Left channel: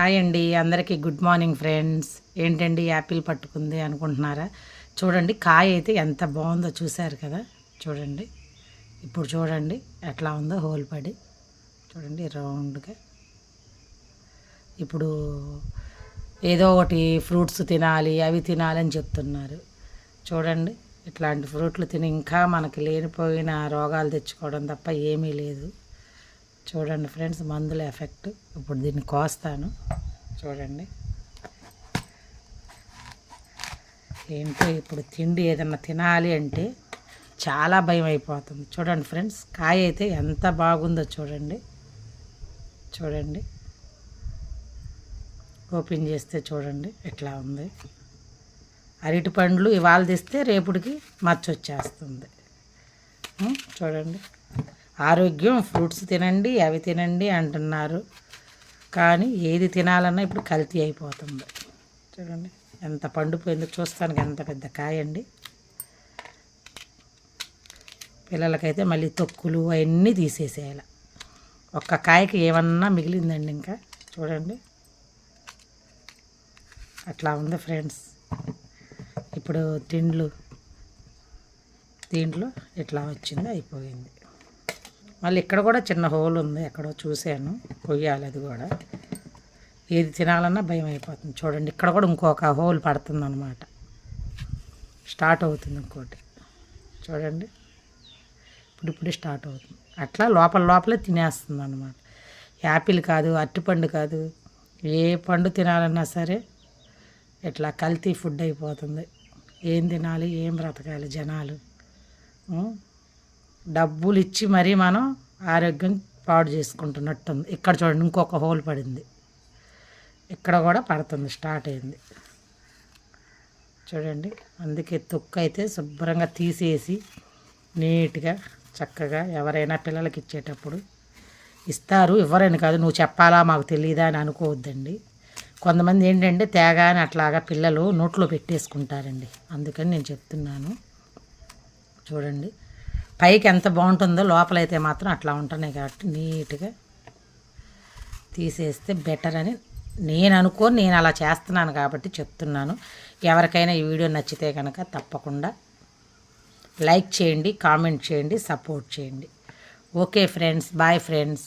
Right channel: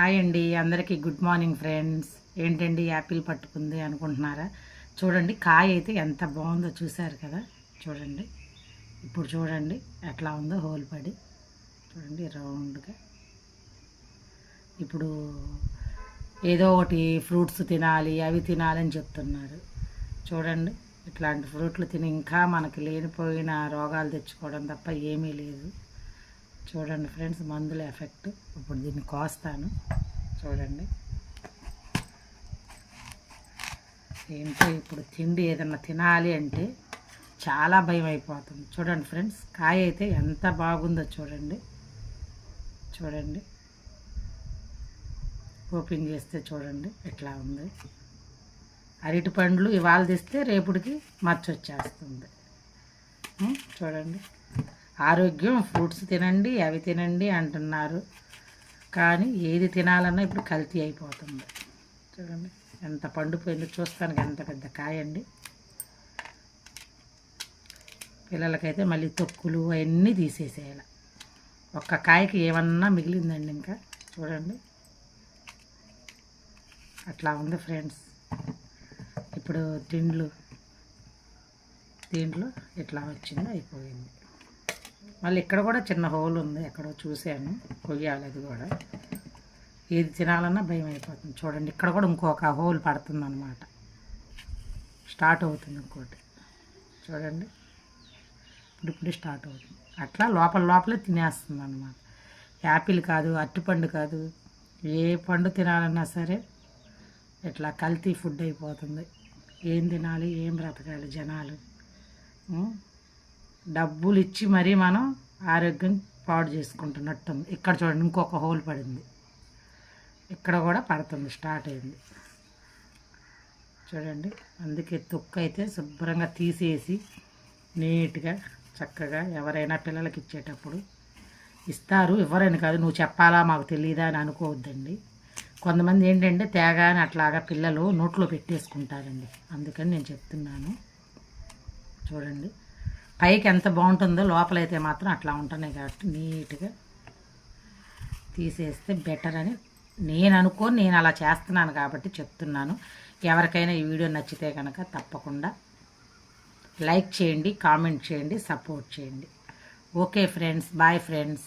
Hi అండి. అందరికీ good morning friends. ఏంటండి యాపిల్ పట్టుకుంది అనుకుంటున్నారా? చూడండి కాయ అయితే ఎంత బాగుందో చూశారు కదా? చూడండి. ఇప్పుడు చూడండి ఎట్లా ఉందో హోల్ పడి. చూడండి రౌండ్గా. ఇప్పుడు ఏదో ఒకటి ఫ్రూట్స్ తినాలి అవి తినాలని చెప్తున్నారు. చూడండి ఇట్లాంటి ఫ్రూట్లు తిని ఇంకా మనకి లేనిపోయిన రోగాలు తెచ్చుకోవడం తప్ప ఏమీ లేదు. చూడండి ఫ్రెండ్స్ మందుల ఎఫెక్ట్. ఇప్పుడు దీన్ని కోస్తాను. చూడండి. ఏంటో ఇప్పుడు తిండి ఏదన్నా తినాలి అంటే చాలా భయం అయిపోతుంది. చూడండి ఫ్రెండ్స్ కాయ అయితే ఎంత బాగుందో చూడండి. చూడండి. ఓపెన్ చేస్తే చూడండి ఎట్లా ఉంది. అరటి పండ్లు ఇవాళ తెస్తే రేపుడికి మచ్చొచ్చేస్తుంది చూడండి. ఆరోగ్యం ఫ్రూట్స్ తినండి అవి తినండి అంటున్నారు. కానీ ఏది తినాలన్నా ఇప్పుడు కల్తీ అయిపోతుంది. చూడండి ఎంత పండిపోయిందో చూస్తానికి ఎంత పెద్ద కాయ అండి పిల్లలకైతే మళ్ళీ తొక్కులు అవన్నీ తీసేసేయాలి. ఒక్క కాయకి ఏమన్నా మిగిలిందండి ఇంకా. చూడండి. అట్లా ఉంది ఫ్రెండ్స్. ఇప్పుడు తిండ్లు దీంట్లో ఇట్లా వచ్చిందో అయిపోయింది. మళ్ళీ ఇక్కడ కూడా చిన్న హోల్ ఉంది ఎక్కడో చూశాను. కొయ్యాలి అది కూడా. ఏది తినాలన్నా భయం అయిపోతుంది. చూడండి ఇక్కడ కూడా ఇంకొక హోల్ పడుతుంది అనమాట స్టార్ట్ అవుతుంది ఇంకోటి. చూడండి ఇప్పుడు ఇప్పుడు స్టార్ట్ అవుతుంది. అట్లా లోపల లోపలే తినేస్తుంది అనమాట యాపిల్ కాదు అరటిపండు కాదు ఏ పండు తినాలన్నా సరే ఇట్లా కల్తీ ఫుడ్ అయిపోతుంది. ఏం తినాలి ఏం బ్రతకాలి జనాలు? డబ్బులు ఇచ్చి మరీ మనం ఆరోగ్యం పాడు చేసుకుంటున్నట్టుంది. ఇక్కడ చూడండి ఇంకొక హోల్ పడింది. ఇక్కడ కూడా పడుతుంది స్టార్ట్ అయింది. చూడండి అందుకే తొక్కు అయితే శుభ్రంగా తీసేసి నీట్గా చక్కగా ఎవరైనా పిల్లలకి ఇచ్చేటప్పుడు ఇస్తారు. ఇవ్వరని కాదు నువ్వు చెప్పాలా మాకు తెలియదా అని అనుకోవద్దండి. కొంతమంది ఏంటంటే తేగాని అట్లాగా పిల్లలు నోట్లో పెట్టేసుకుంటారండి. అందుకని నేను చెప్తున్నాను. చూడండి. పైకి ఎంత బాగుంటుందో లోపలైతే మాత్రం అట్లా ఉంటున్నాయి కాబట్టి నీట్గా తీసేస్తే బెటర్ అని నేను అనుకోని నేను అలా చేస్తున్నాను కాబట్టి చెప్తున్నాను. ఎవరికైనా ఈ వీడియో నచ్చితే కనుక తప్పకుండా లైక్ చేయండి కామెంట్ చేయండి సపోర్ట్ చేయండి. Okay friends bye friends.